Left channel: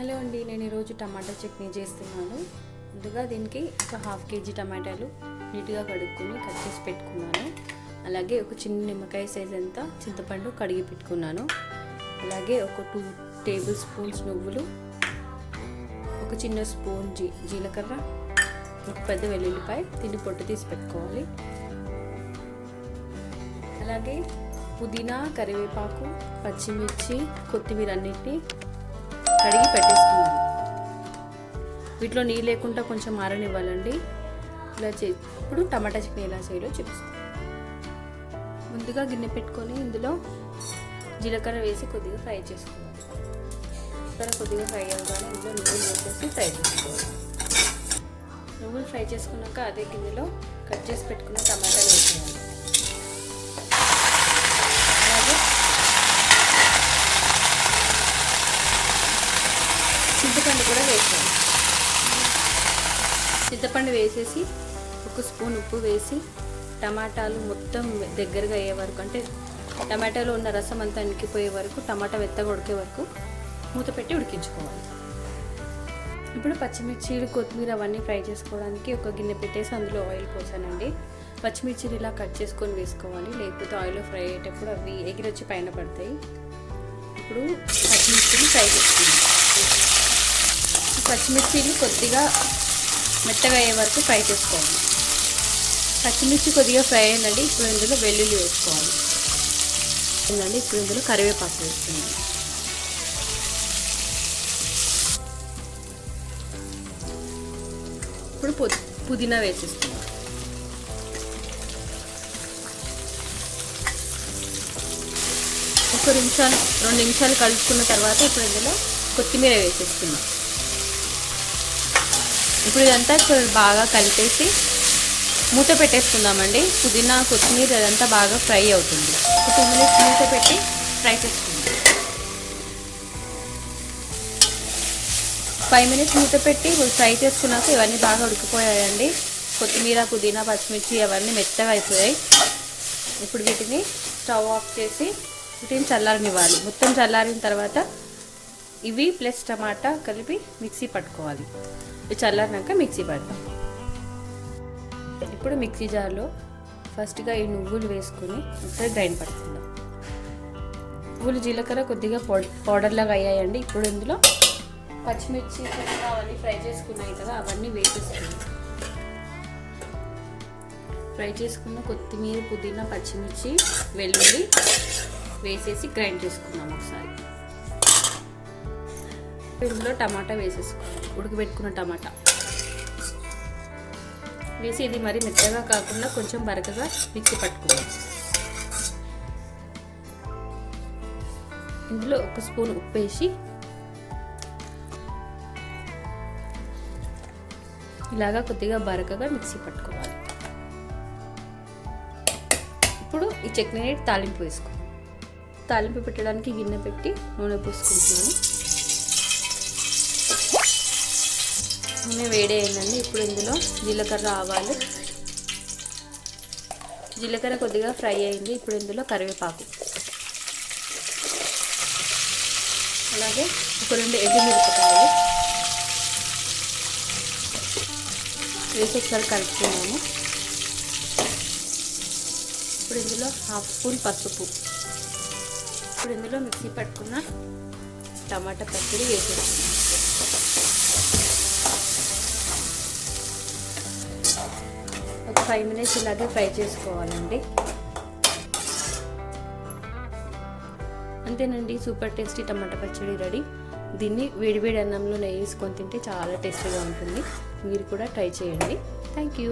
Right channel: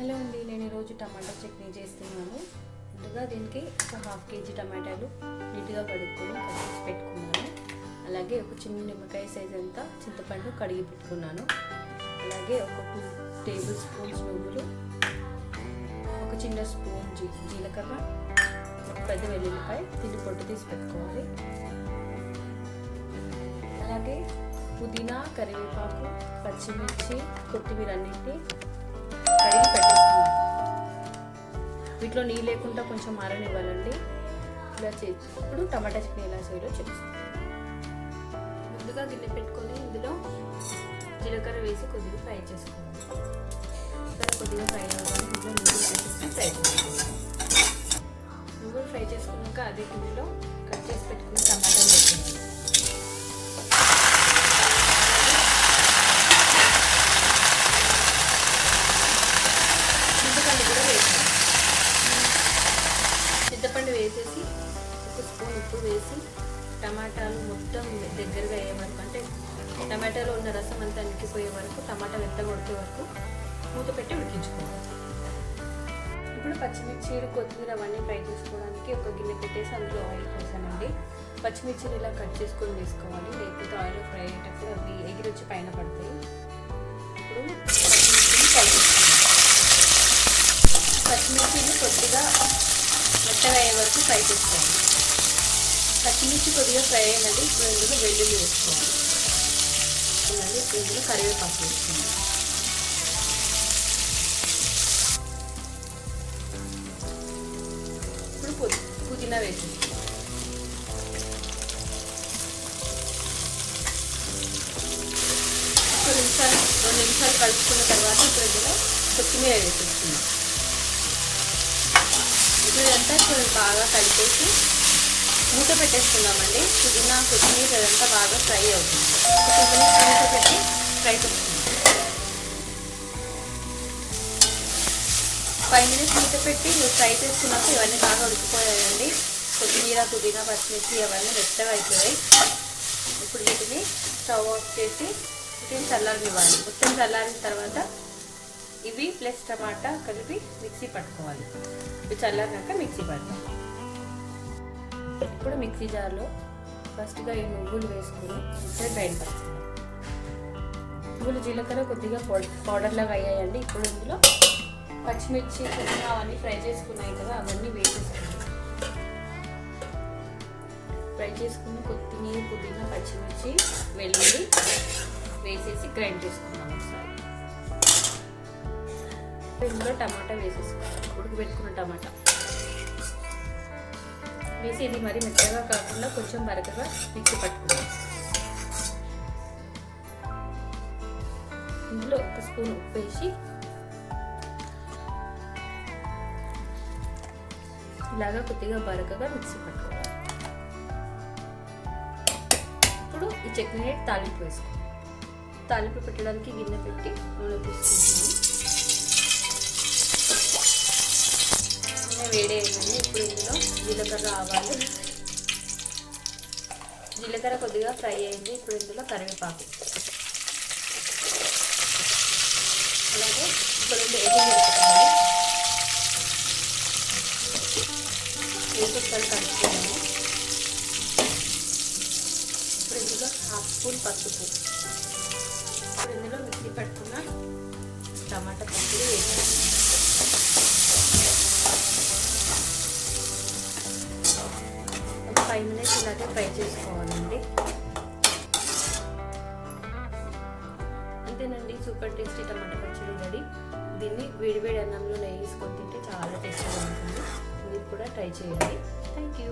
Hello అండి, నేను ఈరోజు టమాటా చట్నీ చేస్తున్నాను. ముందుగా దీనికి ఒక 1/2 kg టమాటాలు నీట్గా కడుక్కొని కట్ చేసి పెట్టుకున్నాను. అలాగే ఒక చిన్న నిమ్మకాయ సైజ్ అంతా చింతపండు కడిగి పెట్టుకున్నాను. అలాగే ఒక 2 టేబుల్ స్పూన్స్ నువ్వులు, ఒక చిన్న స్పూన్ జీలకర్ర, ఒక పెద్ద వెల్లుల్లిపాయ తిని పొట్టు తీసి పెట్టుకోవాలి. అలాగే పుదీనా, కరివేపాకు, పచ్చిమిర్చి, కొత్తిమీర అన్నింటినీ కడిగి పెట్టేసుకున్నాను. వీటిలో నీళ్ళు లేకుండా కొంచెం ఆరనివ్వాలండి. ఇలా ఇప్పుడు టమాటా చట్నీ ఎలా చేయాలో చూపిస్తాను. ముందుగా గిన్నె పెట్టుకొని ఇందులో జీలకర్ర వేసి కొద్దిగా ఫ్రై చేసుకోవాలి. జీలకర్ర కొద్దిగా ఫ్రై అవ్వాలి. ఇందులో నువ్వులు వేసేసి ఫ్రై చేసుకోవాలి. నువ్వులు ఫ్రై చేసుకున్నాక అదే గిన్నెలో కట్ చేసి పెట్టుకున్న టమాటాలు వేసుకోవాలి. చింతపండు కూడా వేసాను. చింతపండు వేసేసి ఒక స్పూన్ ఉప్పు వేసి టమాటాలు మొత్తం దగ్గరగా అయ్యే వరకు, అంటే టమాటాలో ఉన్న రసం అంతా ఇంకిపోయే వరకు, టమాటా మెత్తగా ఉడికే వరకు మూత పెట్టి ఉడికించుకోవాలి. ఇప్పుడు పచ్చిమిర్చీలు, కొత్తిమీర అవన్నీ ఫ్రై చేసుకోవడానికి ఒక గిన్నె పెట్టేసి అందులో ఆయిల్ పోసానండి. పచ్చిమిర్చీలు ఇలా కట్ చేసుకొని వేసుకోవాలి, లేకపోతే ఆయిల్లో ఫ్రై అయ్యేటప్పుడు అవి ఎగిరొచ్చి పైన పడతాయి. ఇప్పుడు పచ్చిమిర్చిని ఫ్రై చేసుకున్నాం. పచ్చిమిర్చిని కొద్దిగా మెత్తగా అయ్యే వరకు ఫ్రై చేసుకోవాలి. పచ్చిమిర్చి కొద్దిగా ఫ్రై అయ్యిందండి. ఇప్పుడు ఇందులో వెల్లుల్లి వేసుకోవాలి. ఇప్పుడు ఇందులో కరివేపాకు వేసుకోవాలి. ఇప్పుడు పుదీనా వేసేసుకోవాలి. ఒక 2 నిమిషాలు కలుపుకున్న తర్వాత ఇప్పుడు ఇందులో కొత్తిమీర వేసేసుకుందాం. ఇప్పుడు ఇదంతా బాగా కలిపేసి మూత పెట్టేసుకుందామండి. పుదీనా, కొత్తిమీర అదంతా బాగా ఫ్రై అవుతుంది. 2 మినిట్స్ మూత పెట్టి ఫ్రై చేసుకుందాం. 5 మినిట్స్ మూత పెట్టి ఫ్రై చేసుకున్నాక ఇవన్నీ బాగా ఉడికిపోయాయండి. కొత్తిమీర, పుదీనా, పచ్చిమిర్చి అవన్నీ మెత్తగా అయిపోయాయి. ఇప్పుడు వీటిని స్టవ్ ఆఫ్ చేసి వీటిని చల్లారనివ్వాలి. మొత్తం చల్లారిన తర్వాత ఇవి ప్లస్ టమాటా కలిపి మిక్సీ పట్టుకోవాలి. ఇవి చల్లారినాక మిక్సీ పడతాం. ఇప్పుడు మిక్సీ జార్లో ఫస్ట్గా ఈ నువ్వులు వేసుకుని ఒకసారి గ్రైండ్ పట్టుకుందాం. నువ్వులు, జీలకర్ర కొద్దిగా పౌడర్ లాగా అయ్యాయండి. ఇప్పుడు ఇందులో పచ్చిమిర్చి కొద్దిగా అవన్నీ ఫ్రై చేసుకున్నాయి కదా, అవన్నీ వేసేసుకున్నాం. ఫ్రై చేసుకున్న కొత్తిమీర, పుదీనా, పచ్చిమిర్చి, వెల్లుల్లి వేసేసి గ్రైండ్ చేసుకున్నాం ఒకసారి. ఇందులో టమాటా వేసేసుకోవాలి. ఉడకబెట్టుకున్న టమాటా వేసి ఇది మరి మెత్తగా కాకుండా కొంచెం బరకగా మిక్సీ పట్టుకుందాం. ఇందులో 1 స్పూన్ ఉప్పు వేసి ఇలాగా కొద్దిగా బరకగా మిక్సీ పట్టుకోవాలి. ఇప్పుడు ఈ చట్నీ తాలింపు వేసుకోవాలి. తాలింపు పెట్టడానికి గిన్నె పెట్టి నూనె పోసుకుంటున్నాను. నూనె వేడి అయిందండి. ఇప్పుడు ఇందులో జీలకర్ర, ఆవాలు, జీలకర్ర కొద్దిగా ఫ్రై అయింది. ఇప్పుడు ఇందులో కరివేపాకు, అలాగే ఒక 2 ఎండుమిరపకాయలు వేసి ఒకసారి కలుపుకున్నాము. ఇప్పుడు ఇందులో 1/2 స్పూన్ పసుపు, ఇప్పుడు ఇందులో మిక్సీ పట్టుకున్న టమాటా పచ్చడి వేసేస్తాము. ఒక 5 మినిట్స్ ఇలాగే ఫ్రై చేసుకోవాలండి. అంతేనండి, సూపర్ టేస్టీ టమాటా పచ్చడి రెడీ. దీన్ని వేడివేడి అన్నంలో నెయ్యి వేసుకొని తింటే చాలా టేస్టీగా ఉంటుంది. మీరు కూడా ట్రై చేయండి. Thank you.